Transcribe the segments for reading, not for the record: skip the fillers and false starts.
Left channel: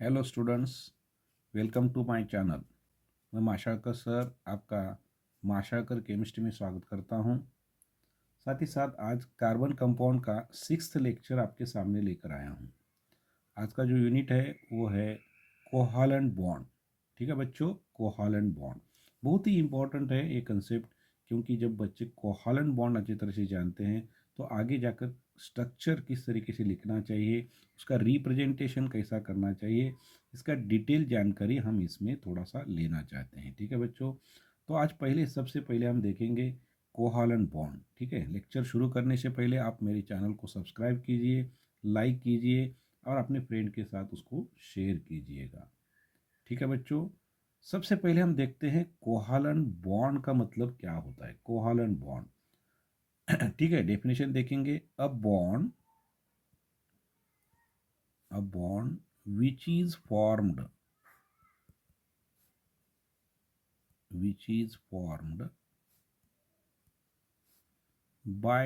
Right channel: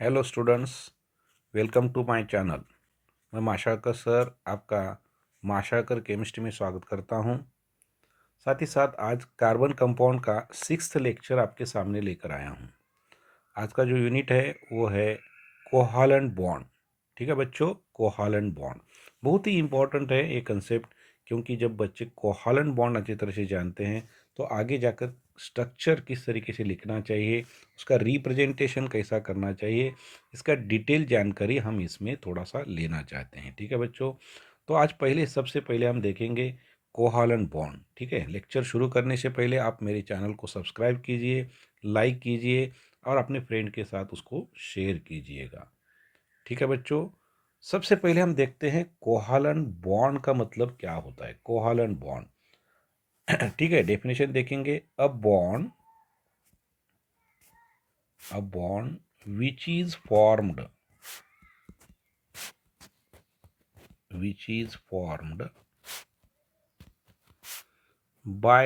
Hello students, welcome to my channel. मैं माशाकर sir आपका माशाकर केमिस्ट्री में स्वागत करता हूं। साथ ही साथ आज कार्बन कंपाउंड का 6th लेक्चर आपके सामने लेकर आया हूं। आज का जो यूनिट है वो है कोहालेंट बॉन्ड। ठीक है बच्चों, कोहालेंट बॉन्ड बहुत ही इम्पोर्टेंट है ये कंसेप्ट, क्योंकि जब बच्चे कोहालेंट बॉन्ड अच्छी तरह से जानते हैं तो आगे जाकर स्ट्रक्चर किस तरीके से लिखना चाहिए, उसका रिप्रेजेंटेशन कैसा करना चाहिए, इसका डिटेल जानकारी हम इसमें थोड़ा सा लेना चाहते हैं। ठीक है बच्चों, तो आज सबसे पहले हम देखेंगे कोहालेंट बॉन्ड। ठीक है, लेक्चर शुरू करने से पहले आप मेरे चैनल को सब्सक्राइब कीजिए, लाइक कीजिए और अपने फ्रेंड के साथ उसको शेयर कीजिएगा। ठीक है बच्चों, सबसे पहले हम देखते हैं कोहालेंट बॉन्ड का मतलब क्या होता है। कोहालेंट बॉन्ड ठीक है, डेफिनेशन देखेंगे। A bond which is formed by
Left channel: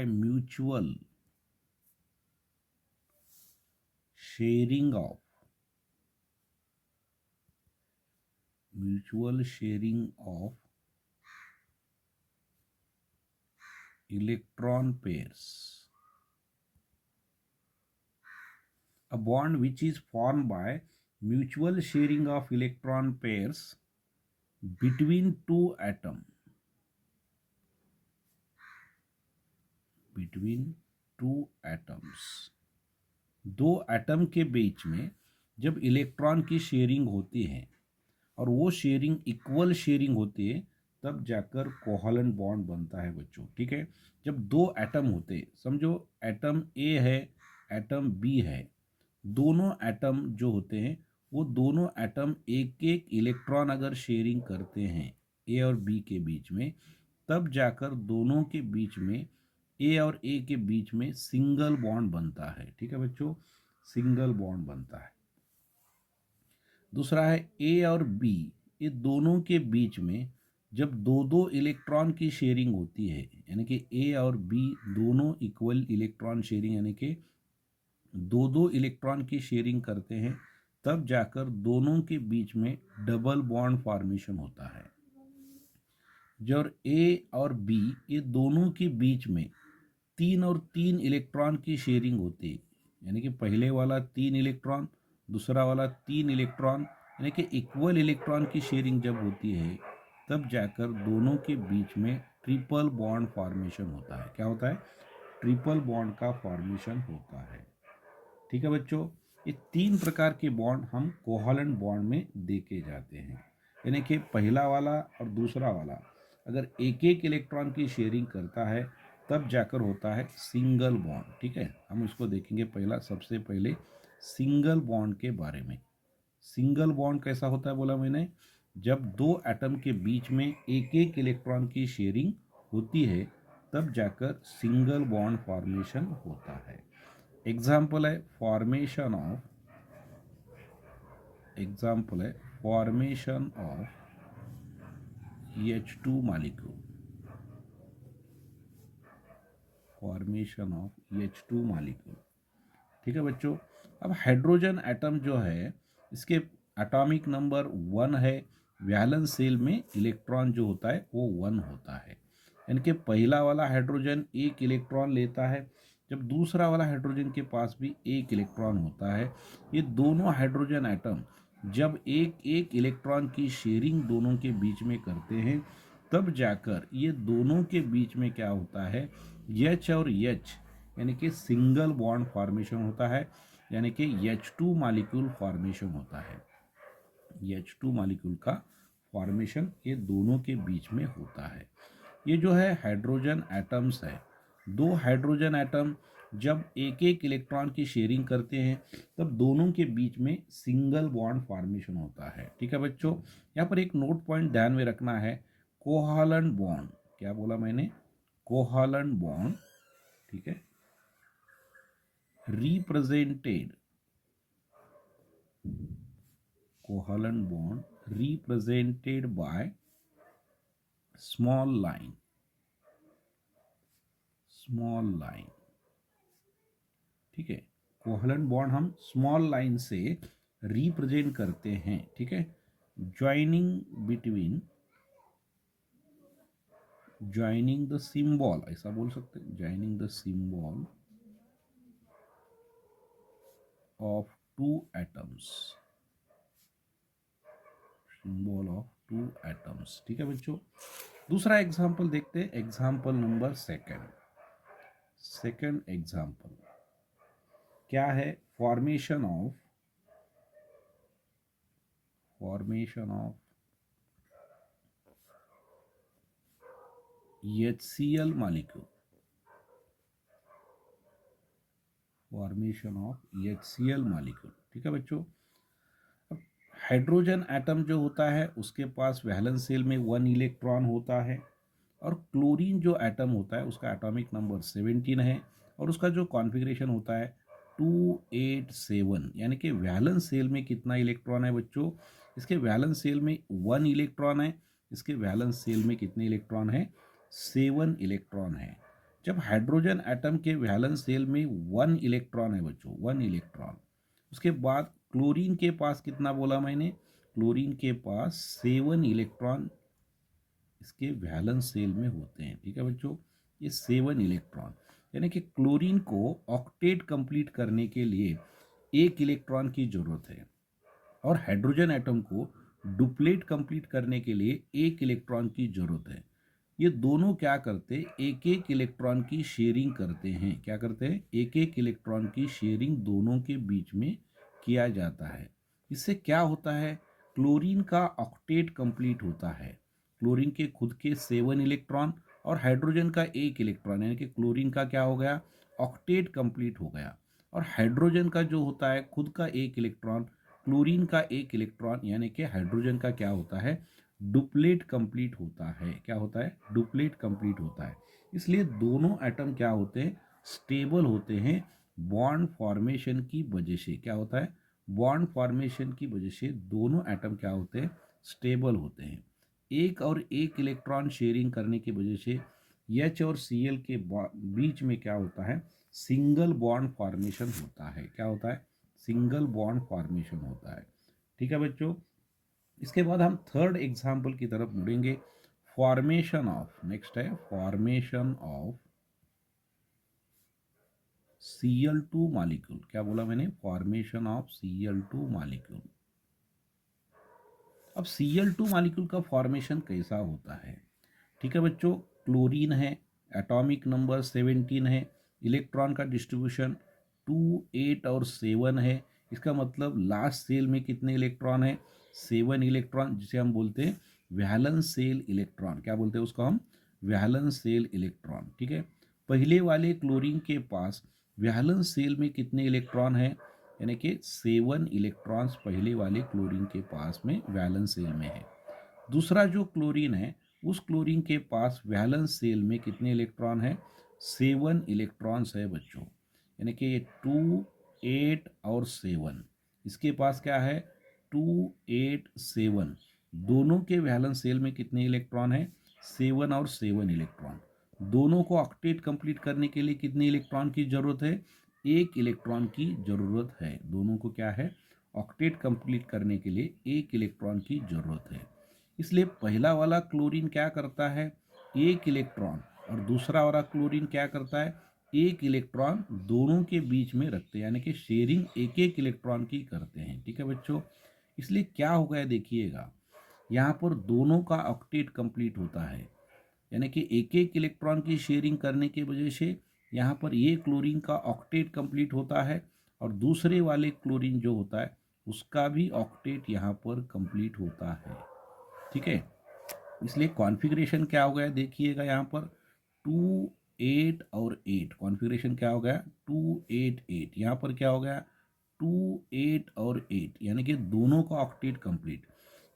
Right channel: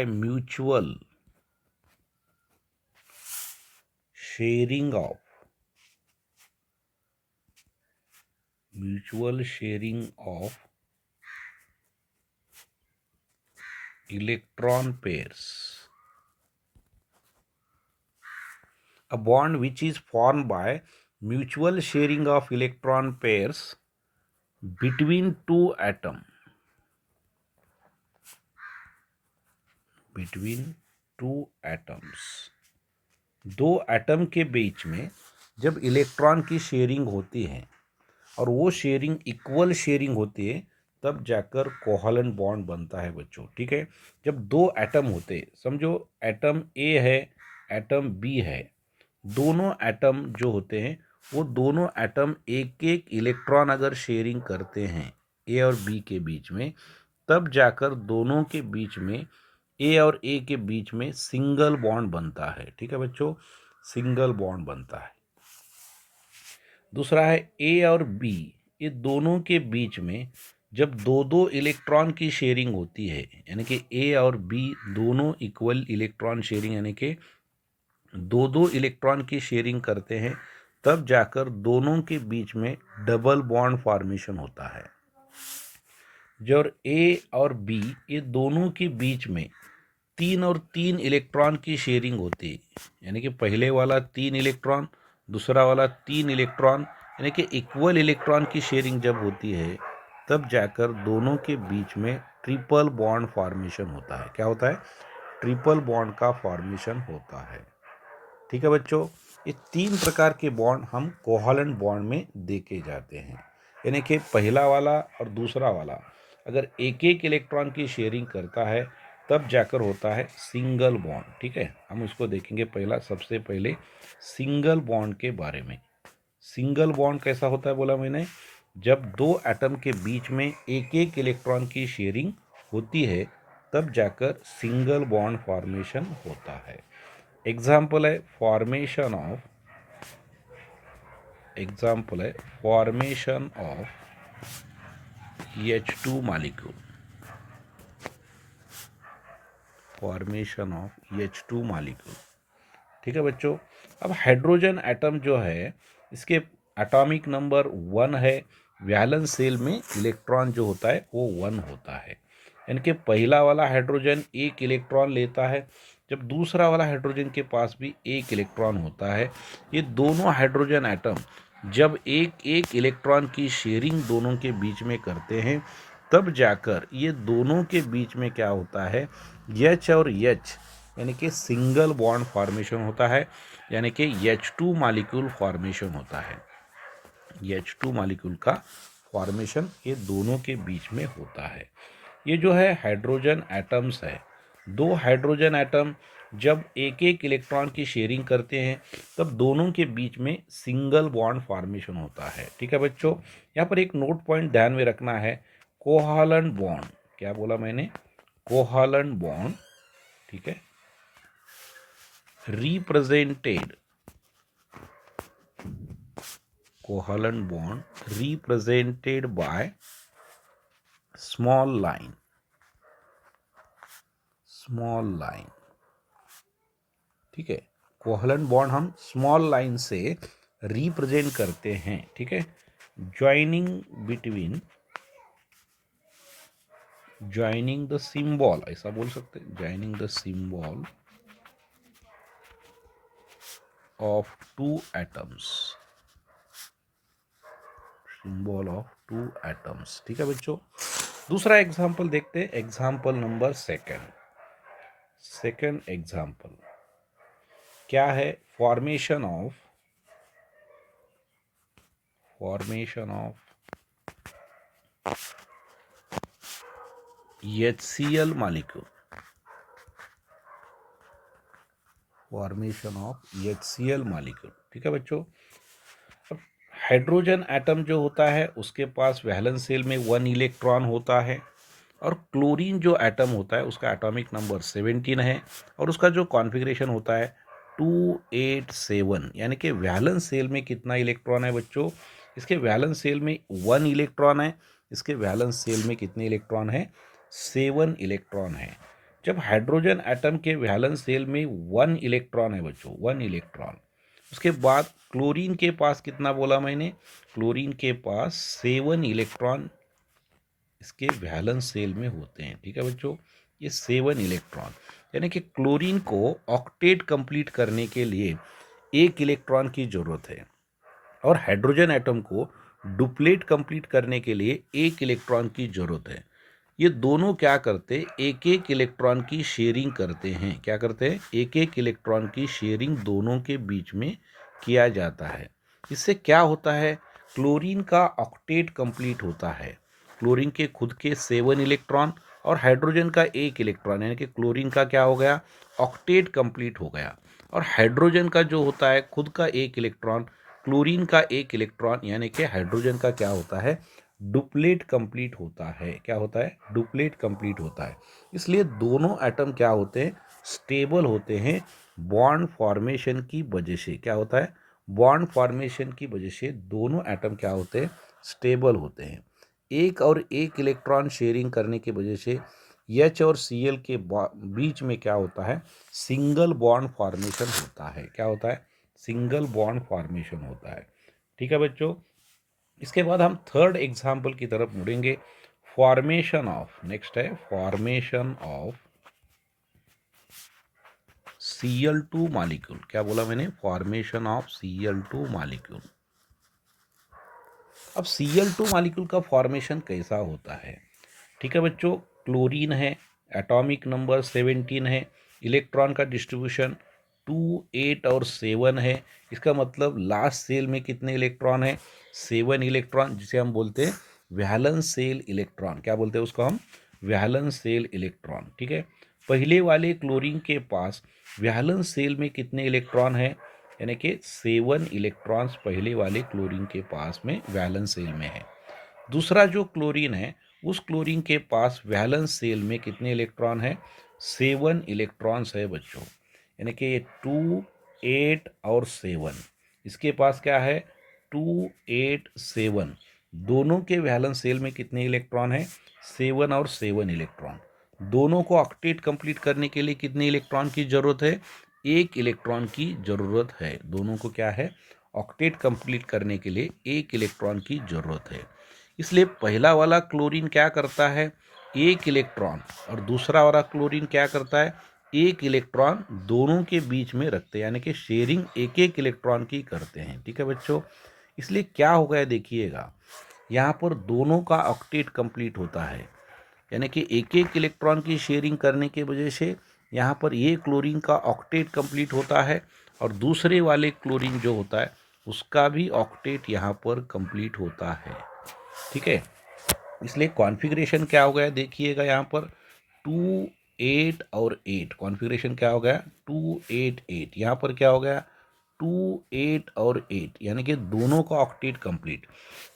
sharing of mutual sharing of electron pairs. A bond which is formed by mutual sharing of electron pairs between two atoms. दो एटम के बीच में जब इलेक्ट्रॉन की sharing होती है और वो शेयरिंग इक्वल शेयरिंग होती है, तब जाकर कोहालेंट बॉन्ड बनता है बच्चों। ठीक है, जब दो एटम होते, समझो एटम ए है, एटम बी है, दोनों एटम जो होते हैं वो दोनों एटम एक एक इलेक्ट्रॉन अगर शेयरिंग करते हैं ए और बी के बीच में, तब जाकर दोनों के बीच में ए और ए के बीच में सिंगल बॉन्ड बनता है। ठीक है बच्चों, सिंगल बॉन्ड बनता है। दूसरा है ए और बी, ये दोनों के बीच में जब दो दो इलेक्ट्रॉन की शेयरिंग होती है, यानी कि ए और बी दोनों इक्वल इलेक्ट्रॉन शेयरिंग, यानी कि दो दो इलेक्ट्रॉन की शेयरिंग करते हैं, तब जाकर दोनों के बीच में डबल बॉन्ड फॉर्मेशन होता है। जब ए और बी ये दोनों के बीच में तीन और तीन इलेक्ट्रॉन की शेयरिंग होती है, यानी कि पहले वाला तीन इलेक्ट्रॉन, दूसरा वाला तीन इलेक्ट्रॉन, यानी कि इक्वल इलेक्ट्रॉन की शेयरिंग जब होती है, तब जाकर दोनों के बीच में ट्रिपल बॉन्ड फॉर्मेशन होता है। क्या होता है? ट्रिपल बॉन्ड का फॉर्मेशन होता है। ठीक है बच्चों, ये तीन प्रकार के बॉन्ड हम कोहालेंट बॉन्ड में देखे जाते हैं, यानी कि पहला वाला और दूसरा वाला अगर एक एक इलेक्ट्रॉन की शेयरिंग करता है, तब जाकर होता है सिंगल बॉन्ड। ठीक है, हम इसको देखेंगे। सबसे पहले सिंगल बॉन्ड के बारे में। सिंगल बॉन्ड कैसा होता है बोला मैंने, जब दो एटम के बीच में एक एक इलेक्ट्रॉन की शेयरिंग होती है, तब जाकर सिंगल बॉन्ड फॉर्मेशन होता है। एग्जाम्पल है फॉर्मेशन ऑफ H2 मॉलिक्यूल। ठीक है बच्चों, अब हाइड्रोजन एटम जो है, इसके एटॉमिक नंबर 1 है। वैलेंस शेल में इलेक्ट्रॉन जो होता है वो 1 होता है, यानी कि पहला वाला हाइड्रोजन एक इलेक्ट्रॉन लेता है, जब दूसरा वाला हाइड्रोजन के पास भी एक इलेक्ट्रॉन होता है। ये दोनों हाइड्रोजन एटम जब एक एक इलेक्ट्रॉन की शेयरिंग दोनों के बीच में करते हैं, तब जाकर ये दोनों के बीच में क्या होता है, H और H यानी कि सिंगल बॉन्ड फॉर्मेशन होता है, यानी कि H2 मॉलिक्यूल फॉर्मेशन होता है। H2 मॉलिक्यूल का फॉर्मेशन ये दोनों के बीच में होता है। ये जो है हाइड्रोजन एटम्स है, दो हाइड्रोजन एटम जब एक एक इलेक्ट्रॉन की शेयरिंग करते हैं, तब दोनों के बीच में सिंगल बॉन्ड फॉर्मेशन होता है। ठीक है बच्चों, यहाँ पर एक नोट पॉइंट ध्यान में रखना है। कोहालेंट बॉन्ड, क्या बोला मैंने? कोहालेंट बॉन्ड। ठीक है, represented covalent bond represented by small line। ठीक है, कोवलेंट बॉन्ड हम स्मॉल लाइन से रिप्रेजेंट करते हैं, ठीक है। Joining between, joining the symbol, ऐसा बोल सकते हैं, joining the symbol of two atoms, symbol of two atoms, ठीक है बच्चों। दूसरा एग्जाम्पल देखते हैं, example number second. Second example क्या है? Formation of HCl molecule, formation of HCl molecule, ठीक है बच्चों। हाइड्रोजन एटम जो होता है उसके पास वैलेंस शेल में 1 इलेक्ट्रॉन होता है, और क्लोरीन जो एटम होता है उसका एटॉमिक नंबर 17 है, और उसका जो कॉन्फ़िगरेशन होता है 287, यानी कि वैलेंस शेल में कितना इलेक्ट्रॉन है बच्चों? इसके वैलेंस शेल में 1 इलेक्ट्रॉन है, इसके वैलेंस शेल में कितने इलेक्ट्रॉन है? 7 इलेक्ट्रॉन है। जब हाइड्रोजन एटम के वैलेंस शेल में 1 इलेक्ट्रॉन है बच्चों, 1 इलेक्ट्रॉन, उसके बाद क्लोरीन के पास कितना बोला मैंने? क्लोरीन के पास 7 इलेक्ट्रॉन इसके वैलेंस शेल में होते हैं, ठीक है बच्चों। ये 7 इलेक्ट्रॉन, यानी कि क्लोरीन को ऑक्टेट कंप्लीट करने के लिए 1 इलेक्ट्रॉन की जरूरत है, और हाइड्रोजन एटम को डुप्लेट कंप्लीट करने के लिए 1 इलेक्ट्रॉन की जरूरत है। ये दोनों क्या करते? एक एक इलेक्ट्रॉन की शेयरिंग करते हैं। क्या करते हैं? एक एक इलेक्ट्रॉन की शेयरिंग दोनों के बीच में किया जाता है। इससे क्या होता है? क्लोरीन का ऑक्टेट कंप्लीट होता है। क्लोरीन के खुद के 7 इलेक्ट्रॉन और हाइड्रोजन का 1 इलेक्ट्रॉन, यानी कि क्लोरीन का क्या हो गया? ऑक्टेट कंप्लीट हो गया। और हाइड्रोजन का जो होता है खुद का 1 इलेक्ट्रॉन, क्लोरीन का 1 इलेक्ट्रॉन, यानी कि हाइड्रोजन का क्या होता है? डुप्लेट कंप्लीट होता है। क्या होता है? डुप्लेट कंप्लीट होता है। इसलिए दोनों एटम क्या होते हैं? स्टेबल होते हैं बॉन्ड फॉर्मेशन की वजह से। क्या होता है? बॉन्ड फॉर्मेशन की वजह से दोनों एटम क्या होते हैं? स्टेबल होते हैं। एक और एक इलेक्ट्रॉन शेयरिंग करने की वजह से H और Cl के बीच में क्या होता है? सिंगल बॉन्ड फॉर्मेशन होता है। क्या होता है? सिंगल बॉन्ड फॉर्मेशन होता है, ठीक है बच्चों। इसके बाद हम थर्ड एग्जाम्पल की तरफ मुड़ेंगे। फॉर्मेशन ऑफ, नेक्स्ट है फॉर्मेशन ऑफ Cl2 मॉलिक्यूल। क्या बोला मैंने? Formation of Cl2 molecule. अब Cl2 मॉलिक्यूल का फॉर्मेशन कैसा होता है? ठीक है बच्चों, क्लोरीन है, एटॉमिक नंबर 17 है, इलेक्ट्रॉन का डिस्ट्रीब्यूशन 2, 8 और 7 है। इसका मतलब लास्ट सेल में कितने इलेक्ट्रॉन है? 7 इलेक्ट्रॉन, जिसे हम बोलते हैं वैलेंस सेल इलेक्ट्रॉन। क्या बोलते हैं उसको हम? वैलेंस सेल इलेक्ट्रॉन, ठीक है। पहले वाले क्लोरीन के पास वैलेंस सेल में कितने इलेक्ट्रॉन है? यानी कि 7 इलेक्ट्रॉन्स पहले वाले क्लोरीन के पास में वैलेंस सेल में है। दूसरा जो क्लोरीन है उस क्लोरीन के पास वैलेंस सेल में कितने इलेक्ट्रॉन है? 7 इलेक्ट्रॉन्स है बच्चों, यानी कि ये 2, 8 और 7। इसके पास क्या है? 2, 8, 7। दोनों के वैलेंस सेल में कितने इलेक्ट्रॉन है? 7 और 7 इलेक्ट्रॉन। दोनों को ऑक्टेट कंप्लीट करने के लिए कितने इलेक्ट्रॉन की जरूरत है? 1 इलेक्ट्रॉन की जरूरत है। दोनों को क्या है? ऑक्टेट कंप्लीट करने के लिए 1 इलेक्ट्रॉन की जरूरत है। इसलिए पहला वाला क्लोरीन क्या करता है? 1 इलेक्ट्रॉन, और दूसरा वाला क्लोरीन क्या करता है? 1 इलेक्ट्रॉन दोनों के बीच में रखते हैं, यानी कि शेयरिंग एक एक इलेक्ट्रॉन की करते हैं, ठीक है बच्चों। इसलिए क्या हो गया देखिएगा, यहाँ पर दोनों का ऑक्टेट कंप्लीट होता है, यानी कि एक एक इलेक्ट्रॉन की शेयरिंग करने की वजह से यहाँ पर ये क्लोरीन का ऑक्टेट कंप्लीट होता है, और दूसरे वाले क्लोरीन जो होता है उसका भी ऑक्टेट यहाँ पर कंप्लीट होता है, ठीक है। इसलिए कॉन्फ़िगरेशन क्या हो गया देखिएगा, यहाँ पर 2, 8 और 8। कॉन्फ़िगरेशन क्या हो गया? 2, 8, 8। यहाँ पर क्या हो गया? 2, 8 और 8, यानी कि दोनों का ऑक्टेट कंप्लीट।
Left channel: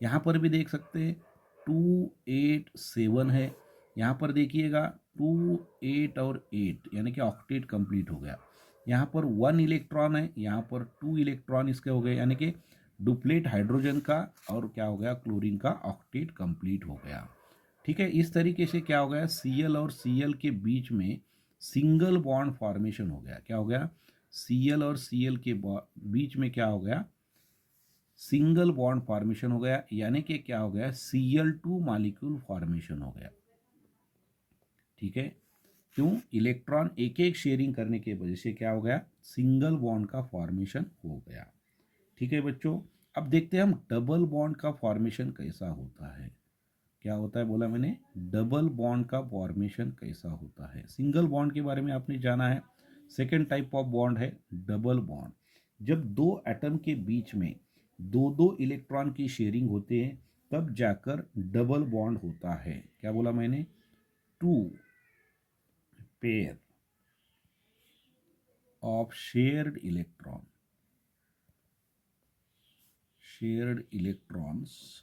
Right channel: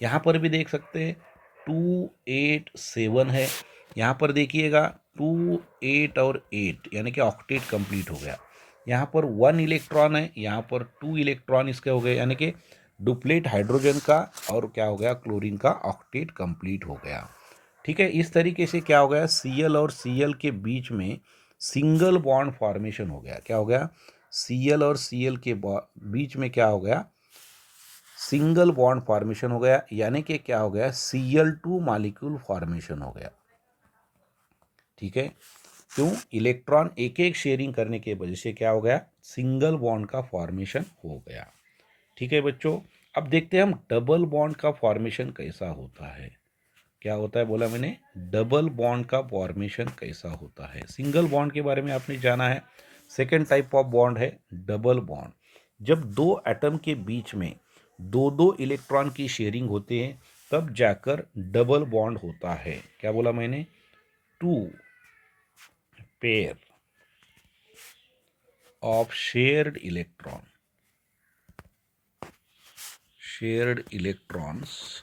यहाँ पर भी देख सकते हैं 2, 8, 7 है। यहाँ पर देखिएगा 2, 8 और 8, यानी कि ऑक्टेट कंप्लीट हो गया। यहाँ पर 1 इलेक्ट्रॉन है, यहाँ पर 2 इलेक्ट्रॉन इसके हो गए, यानी कि डुप्लेट हाइड्रोजन का और क्या हो गया? क्लोरीन का ऑक्टेट कंप्लीट हो गया, ठीक है। इस तरीके से क्या हो गया? Cl और Cl के बीच में सिंगल बॉन्ड फॉर्मेशन हो गया। क्या हो गया? Cl और Cl के बीच में क्या हो गया? सिंगल बॉन्ड फॉर्मेशन हो गया, यानी कि क्या हो गया, Cl2 मॉलिक्यूल फॉर्मेशन हो गया। ठीक है, क्यों, इलेक्ट्रॉन एक एक शेयरिंग करने की वजह से क्या हो गया, सिंगल बॉन्ड का फॉर्मेशन हो गया। ठीक है बच्चों, अब देखते हैं हम डबल बॉन्ड का फॉर्मेशन कैसा होता है। क्या होता है बोला मैंने, डबल बॉन्ड का फॉर्मेशन कैसा होता है। सिंगल बॉन्ड के बारे में आपने जाना है, सेकेंड टाइप ऑफ बॉन्ड है डबल बॉन्ड। जब दो एटम के बीच में दो दो इलेक्ट्रॉन की शेयरिंग होती है तब जाकर डबल बॉन्ड होता है। क्या बोला मैंने, two pair of shared electrons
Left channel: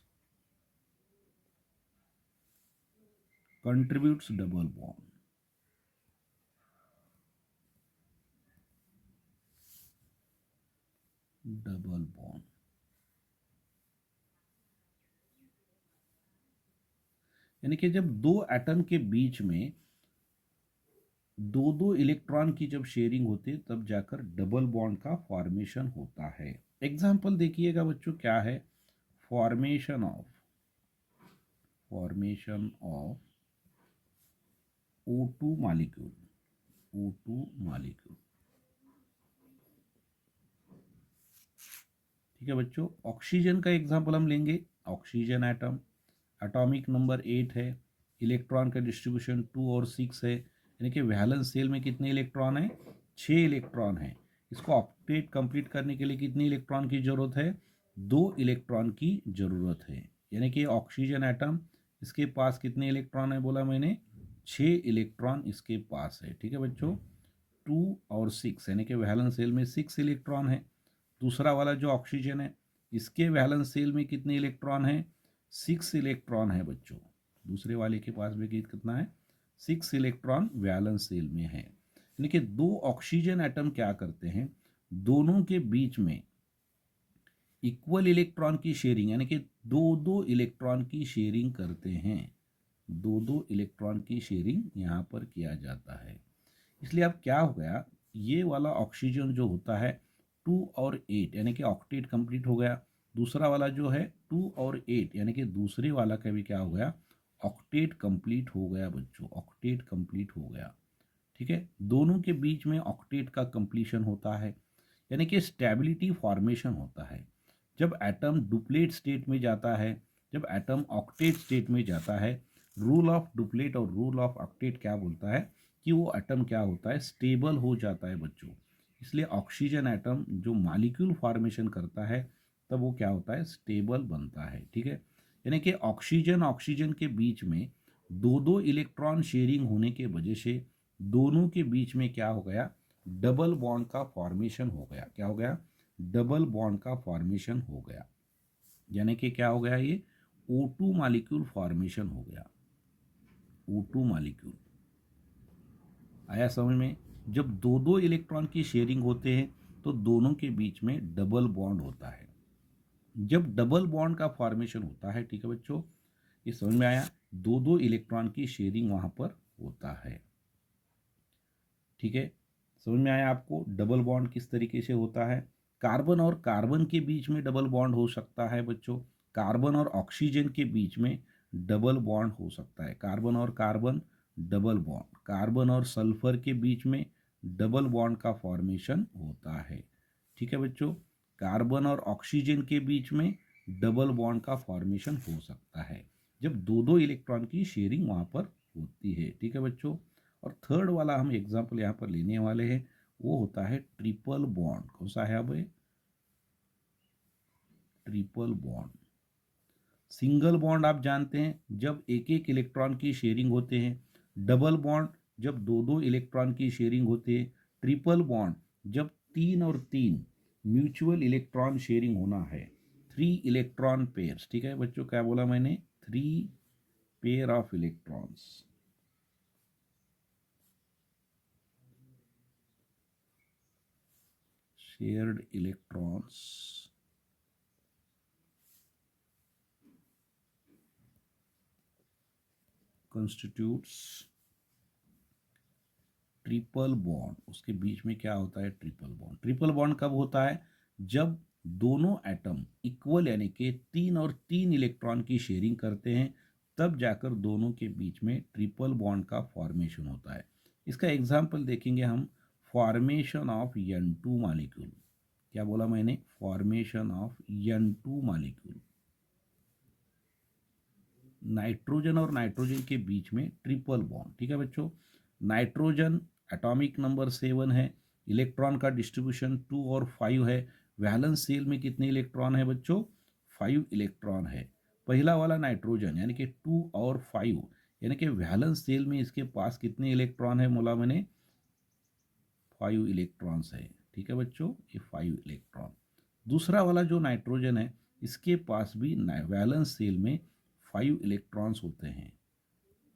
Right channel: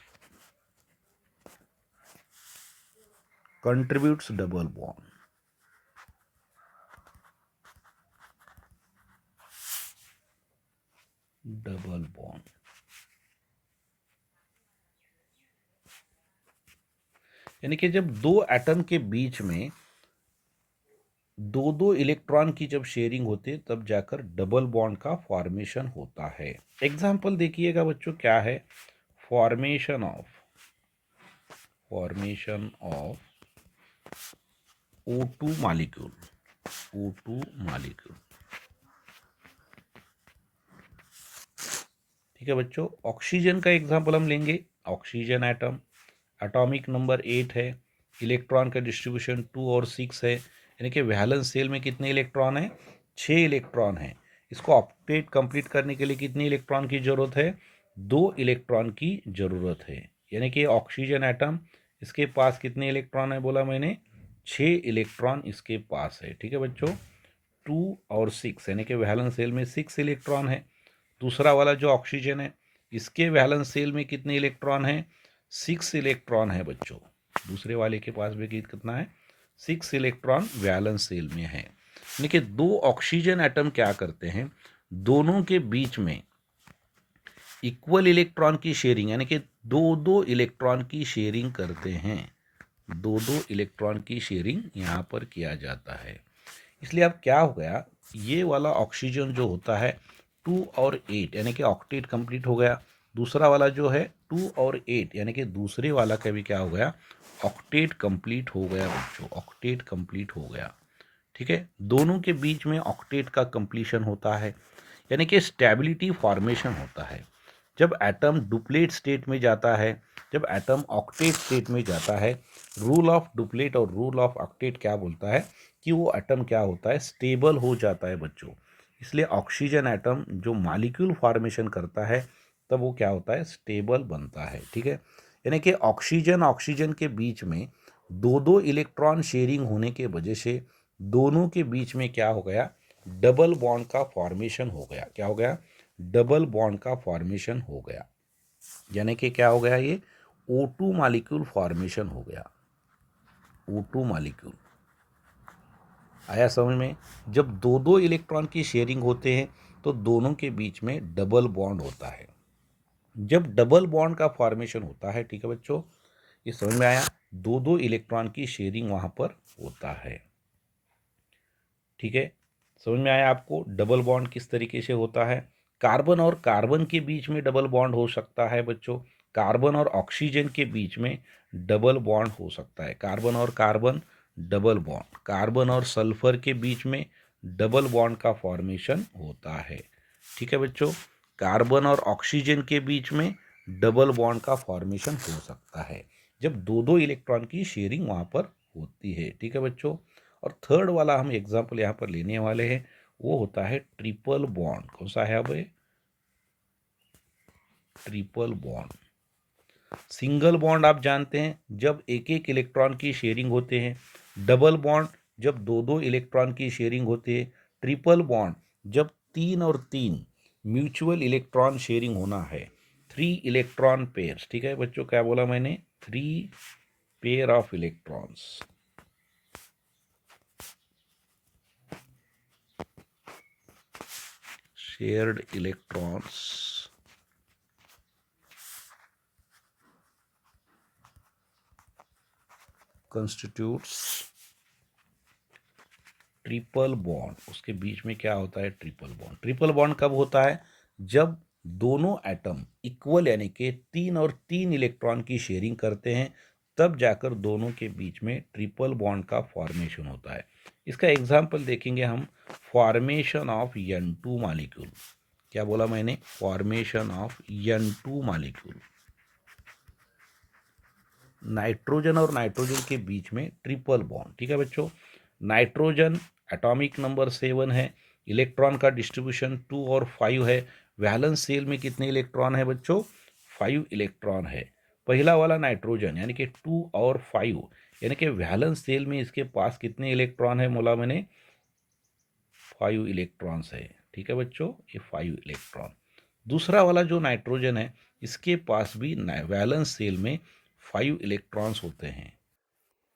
contributes double bond। Double bond यानी कि जब दो एटम के बीच में दो दो इलेक्ट्रॉन की जब शेयरिंग होती है तब जाकर डबल बॉन्ड का फॉर्मेशन होता है। एग्जाम्पल देखिएगा बच्चों, क्या है, formation of O2 molecule, O2 molecule. ठीक है बच्चों, ऑक्सीजन का एग्जाम्पल हम लेंगे। ऑक्सीजन एटम, एटॉमिक नंबर 8 है, इलेक्ट्रॉन का डिस्ट्रीब्यूशन 2 और 6 है, यानी कि वैलेंस शेल में कितने इलेक्ट्रॉन हैं, 6 इलेक्ट्रॉन हैं। इसको ऑक्टेट कंप्लीट करने के लिए कितने इलेक्ट्रॉन की ज़रूरत है, 2 इलेक्ट्रॉन की ज़रूरत है। यानी कि ऑक्सीजन एटम, इसके पास कितने इलेक्ट्रॉन है बोला मैंने, 6 इलेक्ट्रॉन इसके पास है। ठीक है बच्चों, 2 और 6 यानी कि वैलेंस शेल में 6 इलेक्ट्रॉन है। दूसरा वाला जो ऑक्सीजन है, इसके वैलेंस शेल में कितने इलेक्ट्रॉन हैं, 6 इलेक्ट्रॉन है बच्चों। दूसरे वाले के पास भी कितना है, 6 इलेक्ट्रॉन वैलेंस शेल में है। यानी कि दो ऑक्सीजन एटम क्या करते हैं, दोनों के बीच में इक्वल इलेक्ट्रॉन की शेयरिंग, यानी कि दो दो इलेक्ट्रॉन की शेयरिंग करते हैं। दो दो इलेक्ट्रॉन की शेयरिंग यहाँ पर किया जाता है। इसलिए अब क्या हो गया, ये वाला ऑक्सीजन जो होता है 2 और 8 यानी कि ऑक्टेट कंप्लीट हो गया। दूसरा वाला जो है 2 और 8 यानी कि दूसरे वाला का भी क्या हो गया, ऑक्टेट कंप्लीट हो गया बच्चों, ऑक्टेट कंप्लीट हो गया। ठीक है, दोनों के बीच में ऑक्टेट का कंप्लीशन होता है, यानी कि स्टेबिलिटी फॉर्मेशन होता है। जब एटम डुप्लेट स्टेट में जाता है, जब एटम ऑक्टेट स्टेट में जाता है, रूल ऑफ डुप्लेट और रूल ऑफ ऑक्टेट क्या बोलता है कि वो एटम क्या होता है, स्टेबल हो जाता है बच्चों। इसलिए ऑक्सीजन एटम जो मॉलिक्यूल फॉर्मेशन करता है तब वो क्या होता है, स्टेबल बनता है। ठीक है, यानी कि ऑक्सीजन ऑक्सीजन के बीच में दो दो इलेक्ट्रॉन शेयरिंग होने के वजह से दोनों के बीच में क्या हो गया, डबल बॉन्ड का फॉर्मेशन हो गया। क्या हो गया, डबल बॉन्ड का फॉर्मेशन हो गया। यानी कि क्या हो गया, ये O2 मॉलिक्यूल फॉर्मेशन हो गया। O2 मॉलिक्यूल आया समझ में। जब दो दो इलेक्ट्रॉन की शेयरिंग होते हैं तो दोनों के बीच में डबल बॉन्ड होता है। जब डबल बॉन्ड का फॉर्मेशन होता है, ठीक है बच्चों, ये समझ में आया, दो दो इलेक्ट्रॉन की शेयरिंग वहां पर होता है। ठीक है, समझ में आया आपको डबल बॉन्ड किस तरीके से होता है। कार्बन और कार्बन के बीच में डबल बॉन्ड हो सकता है बच्चों, कार्बन और ऑक्सीजन के बीच में डबल बॉन्ड हो सकता है, कार्बन और कार्बन डबल बॉन्ड, कार्बन और सल्फर के बीच में डबल बॉन्ड का फॉर्मेशन होता है। ठीक है बच्चों, कार्बन और ऑक्सीजन के बीच में डबल बॉन्ड का फॉर्मेशन हो सकता है जब दो दो इलेक्ट्रॉन की शेयरिंग वहाँ पर होती है। ठीक है बच्चों, और थर्ड वाला हम एग्जाम्पल यहाँ पर लेने वाले हैं, वो होता है ट्रिपल बॉन्ड। कौन सा है अब ये, ट्रिपल बॉन्ड। सिंगल बॉन्ड आप जानते हैं जब एक एक इलेक्ट्रॉन की शेयरिंग होते हैं, डबल बॉन्ड जब दो दो इलेक्ट्रॉन की शेयरिंग होती है, ट्रिपल बॉन्ड जब 3 और 3 म्यूचुअल इलेक्ट्रॉन शेयरिंग होना है, 3 इलेक्ट्रॉन पेयर्स। ठीक है बच्चों, क्या बोला मैंने, 3 pair of electrons, shared electrons constitutes triple bond. उसके बीच में क्या होता है, ट्रिपल बॉन्ड। ट्रिपल बॉन्ड कब होता है, जब दोनों एटम इक्वल यानी कि 3 और 3 इलेक्ट्रॉन की शेयरिंग करते हैं, तब जाकर दोनों के बीच में ट्रिपल बॉन्ड का फॉर्मेशन होता है। इसका एग्जाम्पल देखेंगे हम, फॉर्मेशन ऑफ N2 मॉलिक्यूल। क्या बोला मैंने? Formation of N2 molecule. Nitrogen और नाइट्रोजन के बीच में ट्रिपल बॉन्ड। ठीक है बच्चों, नाइट्रोजन एटॉमिक नंबर 7 है, इलेक्ट्रॉन का डिस्ट्रीब्यूशन 2 और 5 है। वैलेंस शेल में कितने इलेक्ट्रॉन है बच्चों? 5 इलेक्ट्रॉन है। पहला वाला नाइट्रोजन यानी कि 2 और 5, यानी कि वैलेंस शेल में इसके पास कितने इलेक्ट्रॉन है बोला मैंने? 5 इलेक्ट्रॉन्स है। ठीक है बच्चों, ये 5 इलेक्ट्रॉन। दूसरा वाला जो नाइट्रोजन है, इसके पास भी वैलेंस शेल में 5 इलेक्ट्रॉन्स होते हैं।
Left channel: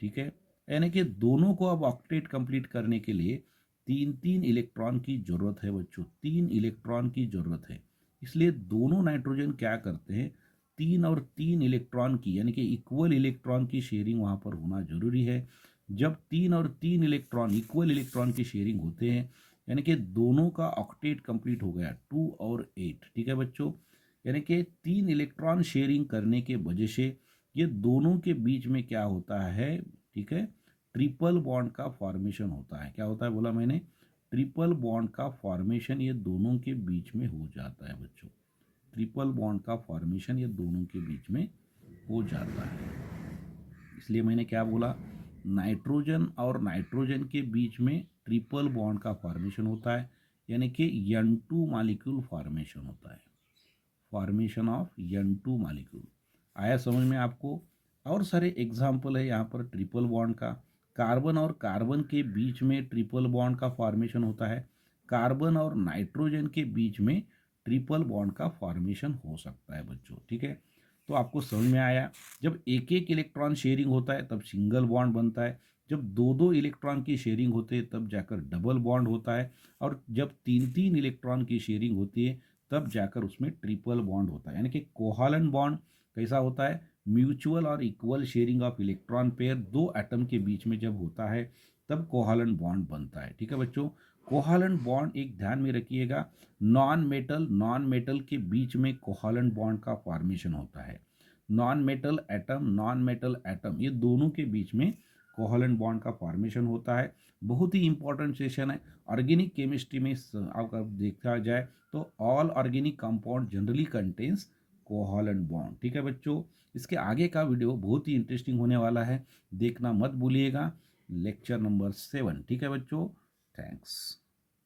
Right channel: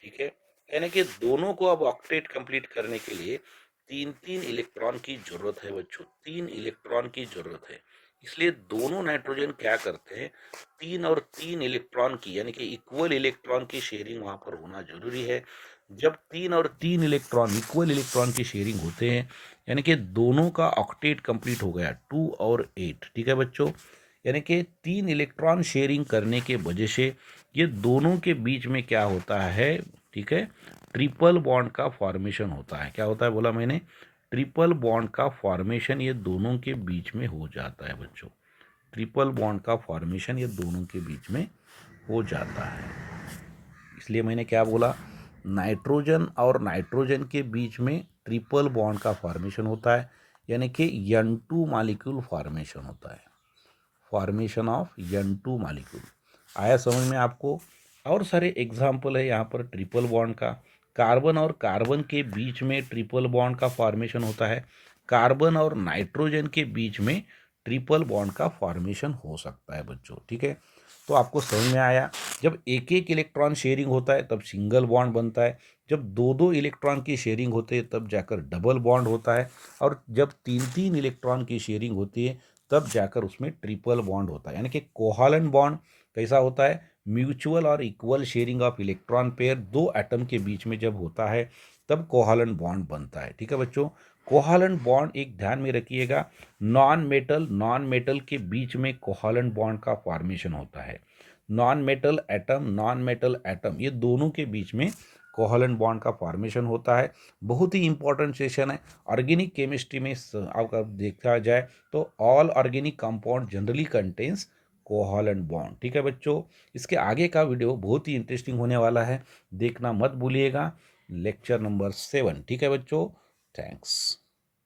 ठीक है, यानी कि दोनों को अब ऑक्टेट कंप्लीट करने के लिए 3-3 इलेक्ट्रॉन की जरूरत है बच्चों, 3 इलेक्ट्रॉन की जरूरत है। इसलिए दोनों नाइट्रोजन क्या करते हैं, 3 और 3 इलेक्ट्रॉन की यानी कि इक्वल इलेक्ट्रॉन की शेयरिंग वहां पर होना जरूरी है। जब 3 और 3 इलेक्ट्रॉन इक्वल इलेक्ट्रॉन की शेयरिंग होते हैं, यानी कि दोनों का ऑक्टेट कंप्लीट हो गया, 2 और 8। ठीक है बच्चों, यानी कि 3 इलेक्ट्रॉन शेयरिंग करने के वजह से ये दोनों के बीच में क्या होता है? ठीक है, ट्रिपल बॉन्ड का फॉर्मेशन होता है। क्या होता है बोला मैंने? ट्रिपल बॉन्ड का फॉर्मेशन ये दोनों के बीच में हो जाता है बच्चों। ट्रिपल बॉन्ड का फॉर्मेशन ये दोनों के बीच में हो जाता है। इसलिए मैंने क्या बोला, नाइट्रोजन और नाइट्रोजन के बीच में ट्रिपल बॉन्ड का फॉर्मेशन होता है, यानी कि N2 मॉलिक्यूल फॉर्मेशन होता है। फॉर्मेशन ऑफ N2 मॉलिक्यूल आया समझ में आपको? और सारे एग्जाम्पल है यहाँ पर ट्रिपल बॉन्ड का। कार्बन और कार्बन के बीच में ट्रिपल बॉन्ड का फॉर्मेशन होता है। कार्बन और नाइट्रोजन के बीच में ट्रिपल बॉन्ड का फॉर्मेशन हो सकता है बच्चों। ठीक है, तो आपको समझ में आया, जब एक एक इलेक्ट्रॉन शेयरिंग होता है तब सिंगल बॉन्ड बनता है, जब दो दो इलेक्ट्रॉन की शेयरिंग होती है तब जाकर डबल बॉन्ड होता है, और जब 3-3 इलेक्ट्रॉन की शेयरिंग होती है तब जाकर उसमें ट्रिपल बॉन्ड होता है। यानी कि कोहालन बॉन्ड कैसा होता है? म्यूचुअल और equal sharing of electron pair दो एटम के बीच में जब होता है तब कोहालन बॉन्ड बनता है। ठीक है बच्चों, कोहालन बॉन्ड एक ध्यान में रखिएगा, नॉन मेटल के बीच में कोहालन बॉन्ड का फॉर्मेशन होता है। नॉन मेटल एटम ये दोनों के बीच में कोहालेंट बॉन्ड का फॉर्मेशन होता है। बहुत ही इंपॉर्टेंट सेशन है ऑर्गेनिक केमिस्ट्री में। आपका देखा जाए तो all organic compound generally contains covalent bond. ठीक है बच्चों, इसके आगे का वीडियो बहुत ही इंटरेस्टिंग होने वाला है, देखना मत भूलिएगा। Lecture number 7। ठीक है बच्चों, थैंक्स।